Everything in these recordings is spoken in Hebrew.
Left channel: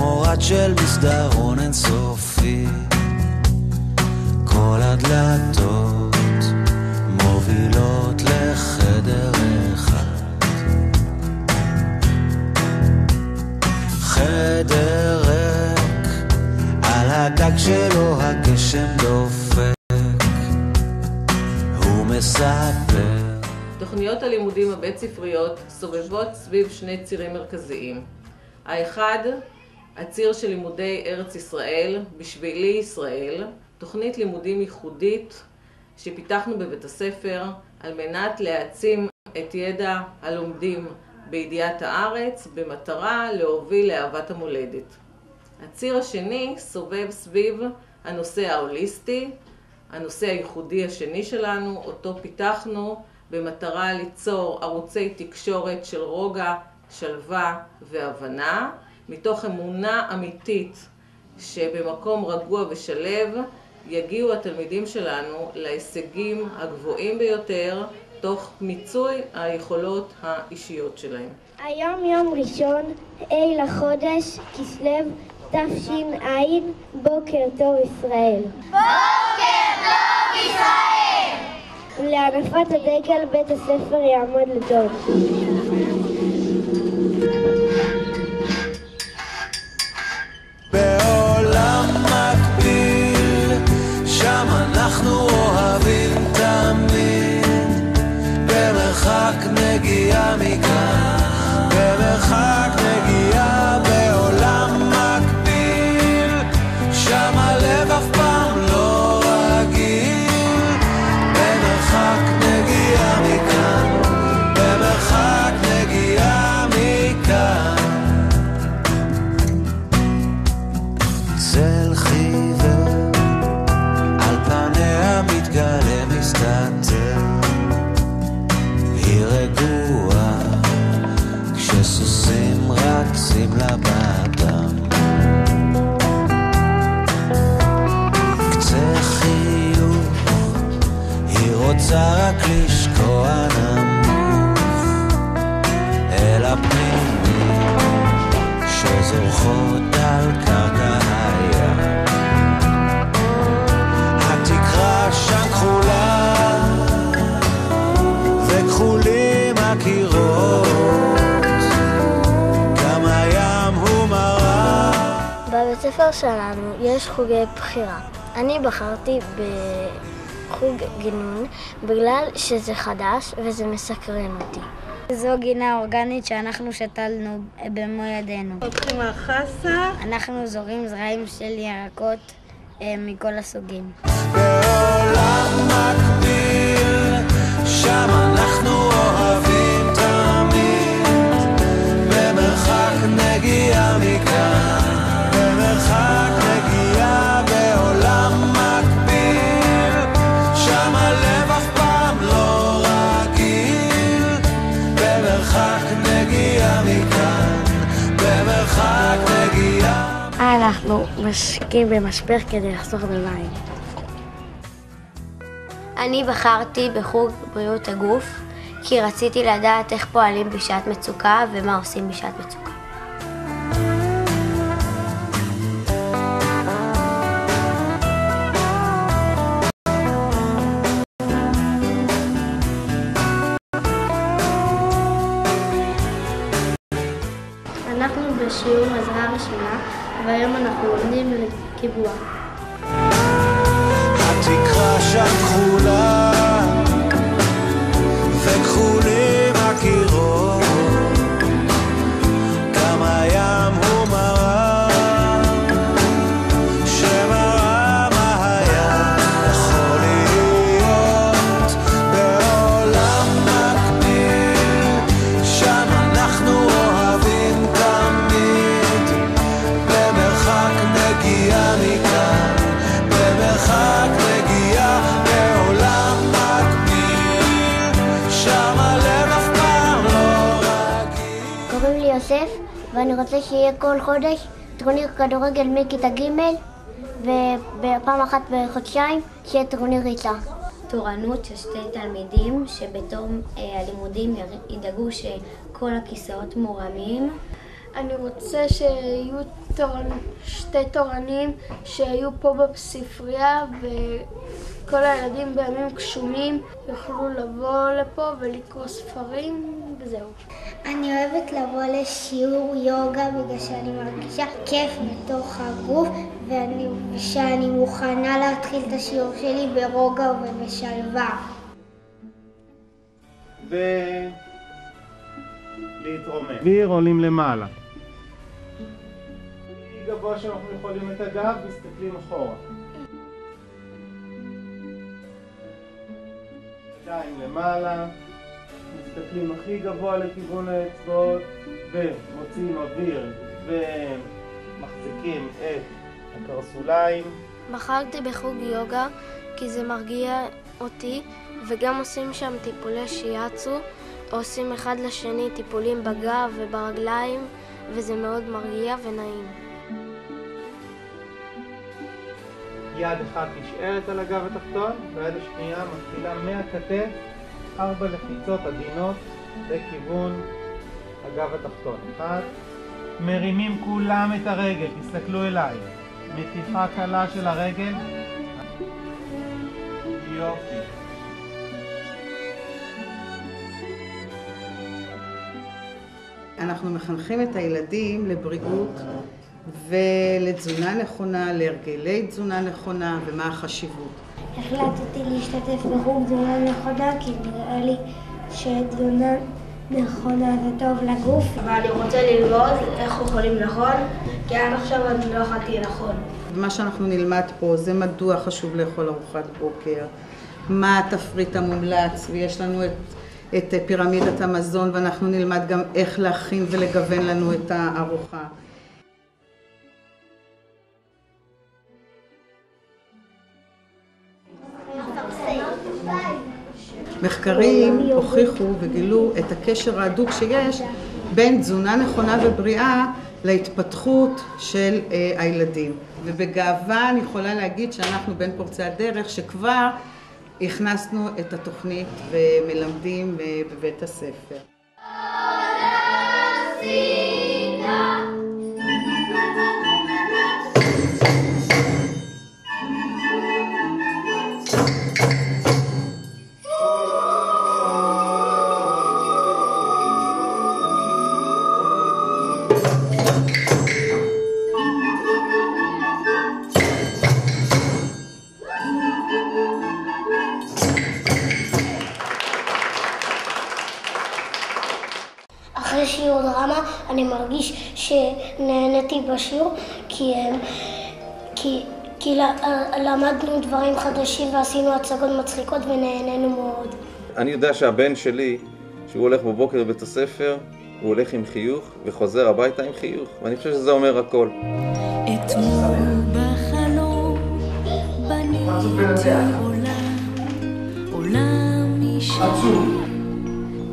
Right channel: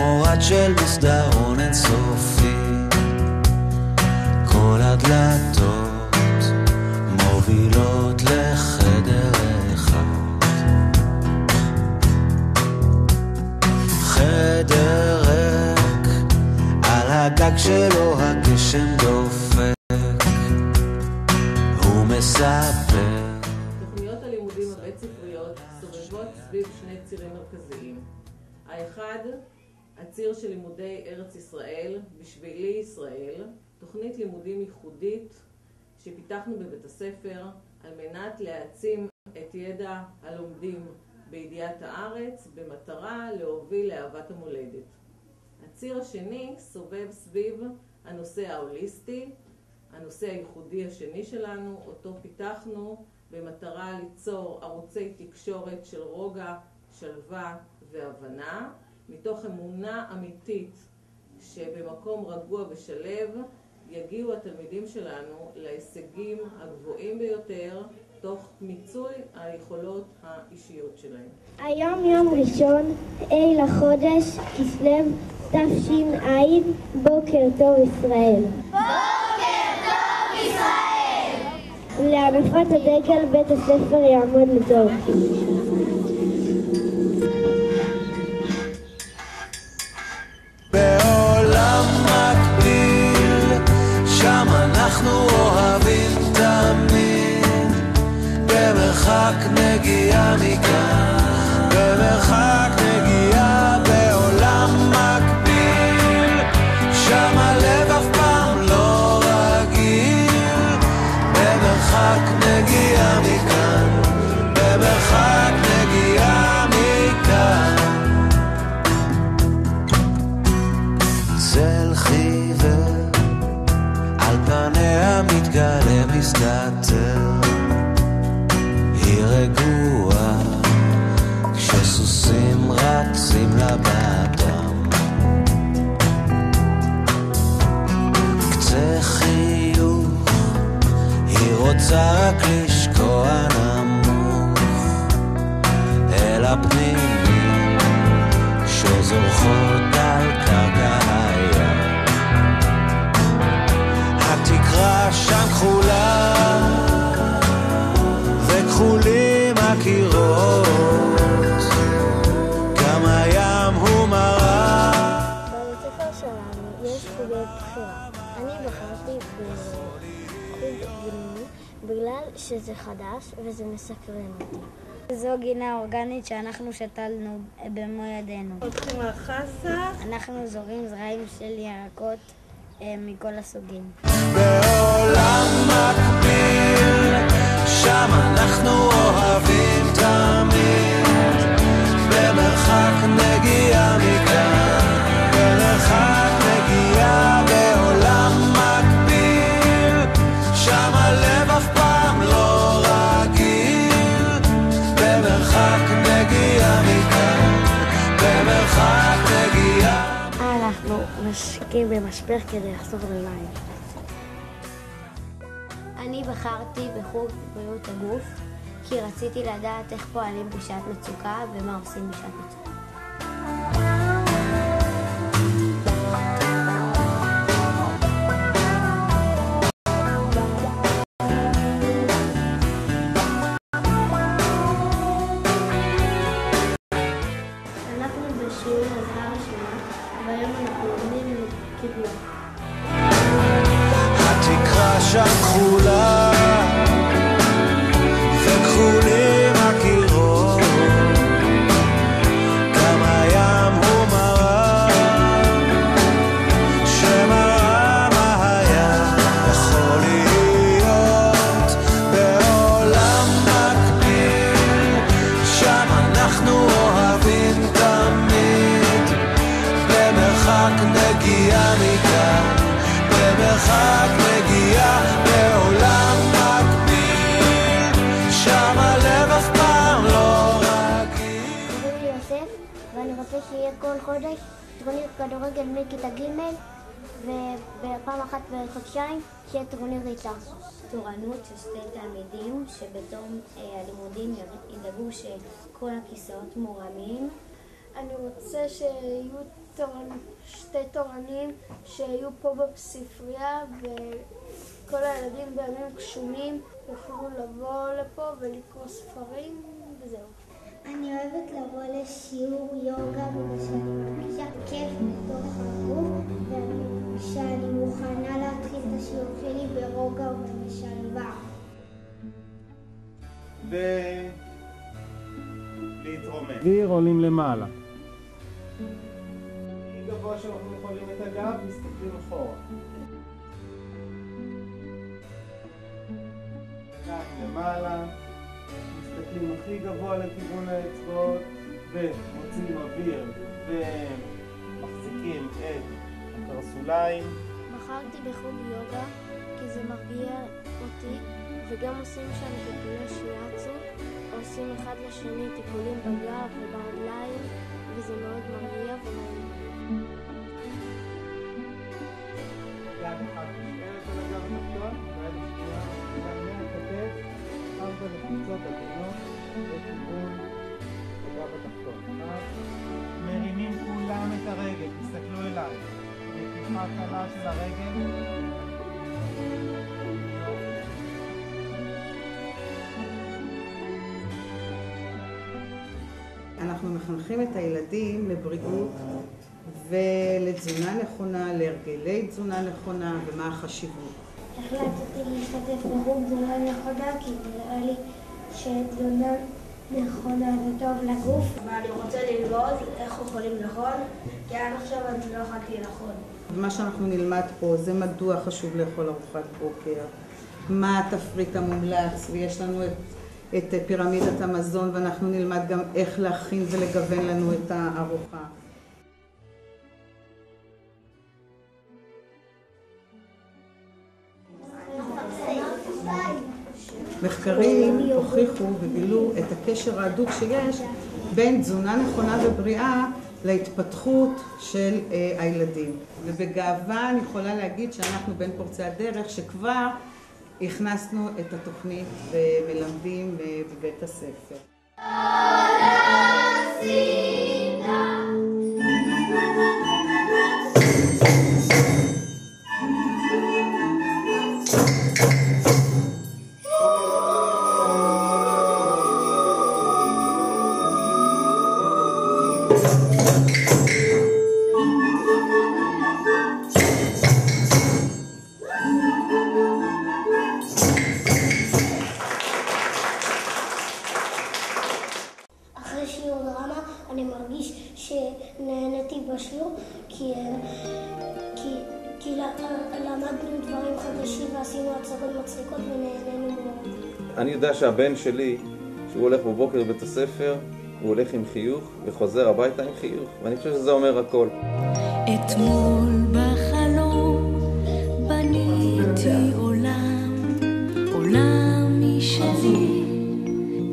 כמו רד של מסדרון אינסופי, כל הדלתות מובילות לחדר אחד, חדר ריק, על הגג שלו הגשם דופק, הוא מספר. תוכניות הלימודים הבית ספריות סובבות סביב שני צירים מרכזיים. האחד, הציר של לימודי ארץ ישראל, בשבילי ישראל, תוכנית לימודים ייחודית שפיתחנו בבית הספר על מנת להעצים את ידע הלומדים בידיעת הארץ במטרה להוביל לאהבת המולדת. הציר השני סובב סביב הנושא ההוליסטי, הנושא הייחודי השני שלנו, אותו פיתחנו במטרה ליצור ערוצי תקשורת של רוגע, שלווה והבנה, מתוך אמונה אמיתית שבמקום רגוע ושלב יגיעו התלמידים שלנו להישגים הגבוהים ביותר תוך מיצוי היכולות האישיות שלהם. היום יום ראשון, ה' לחודש, כסלו, תש"ע, בוקר טוב ישראל. בוקר טוב ישראל! להנפת הדגל בית הספר יעמוד לטוב. בעולם מקביל, שם אנחנו אוהבים תמיד, במרחק נגיעה מכאן, במרחק נגיעה. בעולם מקביל, שם הלב אף פעם לא רגיל, במרחק נגיעה מכאן, במרחק נגיעה מכאן. צל חיוור על פניה מתגלה מסתתר, היא רגועה כשסוסים רצים לבדם, קצה חיוך היא רוצה רק לשקוע נמוך אל הפנינים שזורחות על קרקע הים. התקרה שם כחולה וכחולים הקירות, גם הים הוא מראה. בבית ספר שלנו יש חוגי בחירה. אני בחרתי בחוג גינון בגלל שזה חדש וזה מסקרן אותי. זו גינה אורגנית שאנחנו שתלנו במו ידינו. פותחים החסה. אנחנו זורים זרעים של ירקות מכל הסוגים. בעולם מקביל, שם אנחנו אוהבים תמיד, במרחק נגיעה מכאן, במרחק נגיעה. בעולם מקביל, שם הלב אף פעם לא רגיל, במרחק נגיעה מכאן, במרחק נגיעה. אנחנו משקיעים במשבר כדי לחסוך במים. אני בחרתי בחוג בריאות הגוף כי רציתי לדעת איך פועלים בשעת מצוקה ומה עושים בשעת מצוקה. אנחנו בשיעור עזרה ראשונה והיום אנחנו לומדים לקיבוע. התקרה שם כחולה וכחולים הקירות, גם הים הוא מראה שמראה מה היה יכול להיות. בעולם מקביל, שם אנחנו אוהבים תמיד, במרחק נגיעה מכאן, במרחק נגיעה. בעולם מקביל, שם הלב אף פעם לא רגיל. קוראים לי יוסף ואני רוצה שיהיה כל חודש טורניר כדורגל מכיתה ג' ובפעם אחת בחודשיים שיהיה טורניר ריצה. תורנות של שתי תלמידים שבתום הלימודים ידאגו שכל הכיסאות מורמים. אני רוצה שיהיו שתי תורנים שהיו פה בספרייה, וכל הילדים בימים גשומים יוכלו לבוא לפה ולקרוא ספרים וזהו. אני אוהבת לבוא לשיעור יוגה בגלל שאני מרגישה כיף בתוך הגוף ושאני מוכנה להתחיל את השיעור שלי ברוגע ובשלווה. ולהתרומם. אוויר עולים למעלה. הכי גבוה שאנחנו יכולים את הגב, מסתכלים אחורה. ידיים למעלה. מסתכלים הכי גבוה לכיוון האצבעות ומוצאים אוויר ומחזיקים את הקרסוליים. בחרתי בחוג יוגה כי זה מרגיע אותי, וגם עושים שם טיפולי שיאצו, עושים אחד לשני טיפולים בגב וברגליים, וזה מאוד מרגיע ונעים. יד אחת נשארת על הגב התחתון והיד השנייה מגדילה מהכתף 4 לחיצות עדינות לכיוון הגב התחתון. 1. מרימים כולם את הרגל, תסתכלו אליי. מתיחה קלה של הרגל. יופי. אנחנו מחנכים את הילדים לבריאות ולתזונה נכונה, להרגלי תזונה נכונה ומה החשיבות. החלטתי להשתתף בחוג תזונה נכונה כי נראה לי שתזונה נכונה זה טוב לגוף. אבל אני רוצה ללמוד איך אוכלים נכון, כי עד עכשיו אני לא אכלתי נכון. מה שאנחנו נלמד פה זה מדוע חשוב לאכול ארוחת בוקר, מה התפריט המומלץ, ויש לנו את פירמידת המזון, ואנחנו נלמד גם איך להכין ולגוון לנו את הארוחה. מחקרים הוכיחו וגילו את הקשר ההדוק שיש בין תזונה נכונה ובריאה להתפתחות של הילדים. ובגאווה אני יכולה להגיד שאנחנו בין פורצי הדרך שכבר הכנסנו את התוכנית ומלמדים בבית הספר. אחרי שיעור דרמה אני מרגיש שנהניתי בשיעור כי למדנו דברים חדשים ועשינו הצגות מצחיקות ונהנינו מאוד. אני יודע שהבן שלי, שהוא הולך בבוקר לבית הספר, הוא הולך עם חיוך וחוזר הביתה עם חיוך, ואני חושב שזה אומר הכל. אתמול בחלום בניתי עולם, עולם משלי,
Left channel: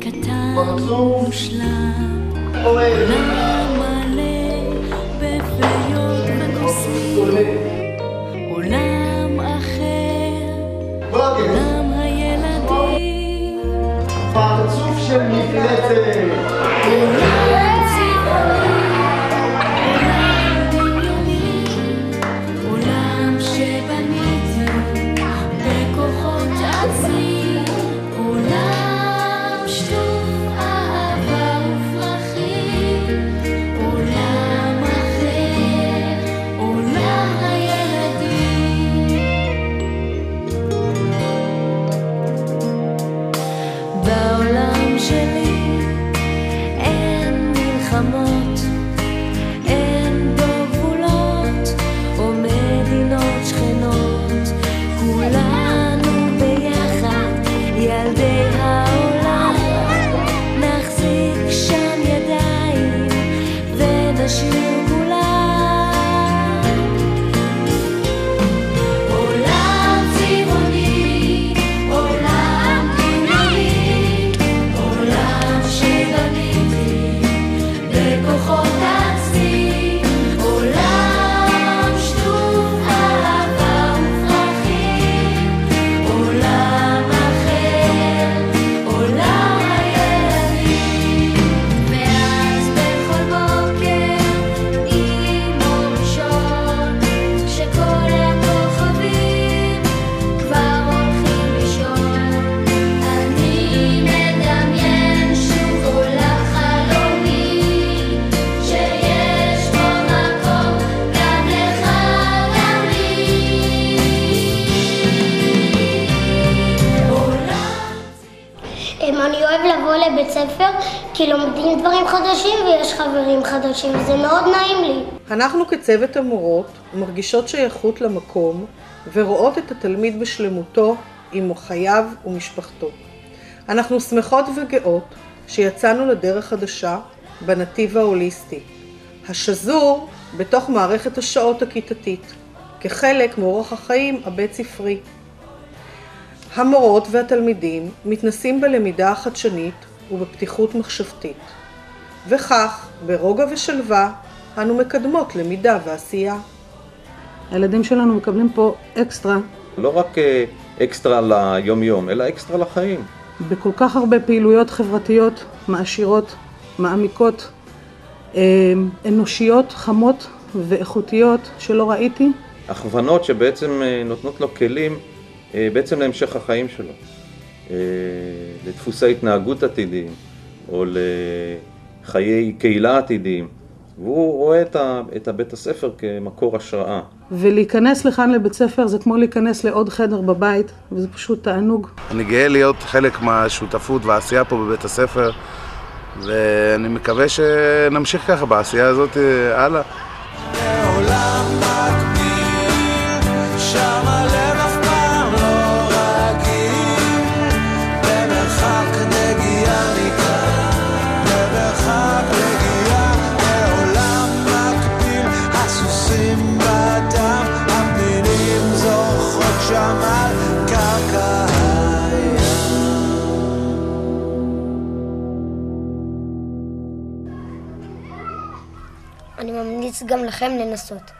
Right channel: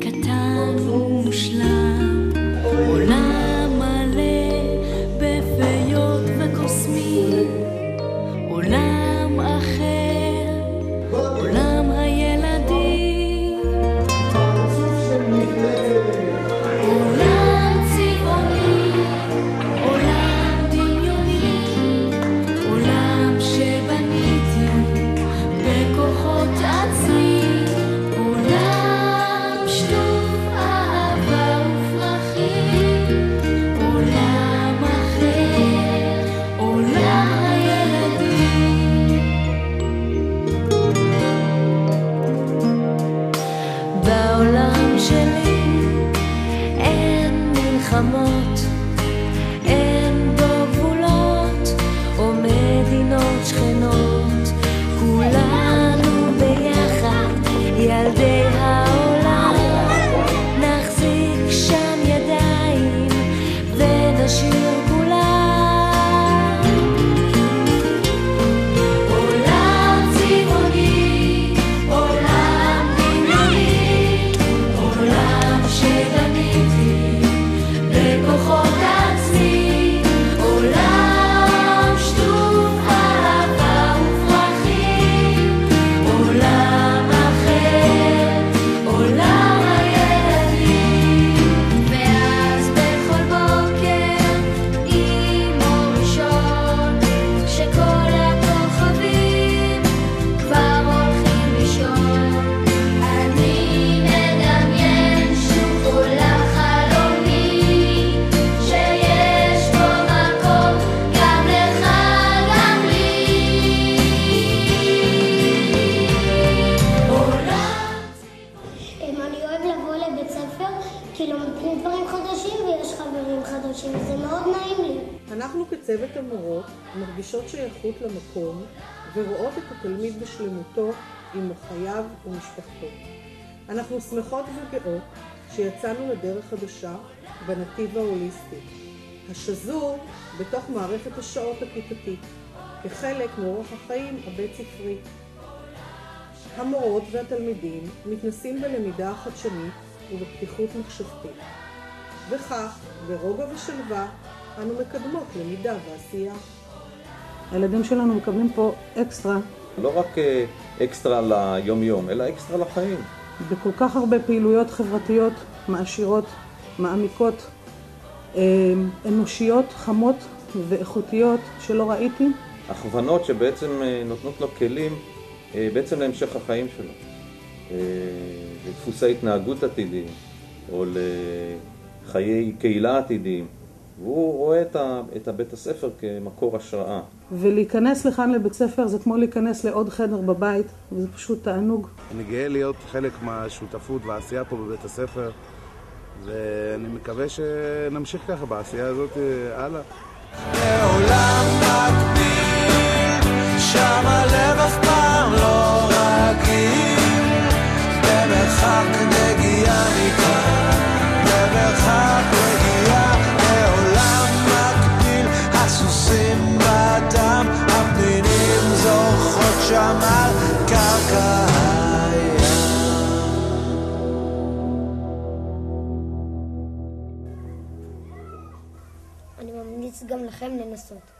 קטן ומושלם, עולם מלא בפיות וקוסמים, עולם אחר, עולם הילדים, עולם צבעוני, עולם דמיוני, עולם שבניתי בכוחות עצמי, עולם שטוף אהבה ספר, כי לומדים דברים חדשים ויש חברים חדשים, וזה מאוד נעים לי. אנחנו כצוות המורות מרגישות שייכות למקום ורואות את התלמיד בשלמותו עם חייו ומשפחתו. אנחנו שמחות וגאות שיצאנו לדרך חדשה בנתיב ההוליסטי, השזור בתוך מערכת השעות הכיתתית, כחלק מאורח החיים הבית ספרי. המורות והתלמידים מתנסים בלמידה החדשנית ובפתיחות מחשבתית, וכך ברוגע ושלווה אנו מקדמות למידה ועשייה. הילדים שלנו מקבלים פה אקסטרה. לא רק אקסטרה ליום יום, אלא אקסטרה לחיים. בכל כך הרבה פעילויות חברתיות מעשירות, מעמיקות, אנושיות, חמות ואיכותיות שלא ראיתי. הכוונות שבעצם נותנות לו כלים בעצם להמשך החיים שלו. לדפוסי התנהגות עתידיים, או לחיי קהילה עתידיים. והוא רואה את הבית הספר כמקור השראה. ולהיכנס לכאן לבית ספר זה כמו להיכנס לעוד חדר בבית, וזה פשוט תענוג. אני גאה להיות חלק מהשותפות והעשייה פה בבית הספר, ואני מקווה שנמשיך ככה בעשייה הזאת הלאה. בעולם מקביל, שם הלב אף פעם לא רגיל, במרחק נגיעה מכאן, במרחק נגיעה, בעולם מקביל, הסוסים בדם, הפנינים זורחות שם על קרקע הים. אני ממליץ גם לכם לנסות.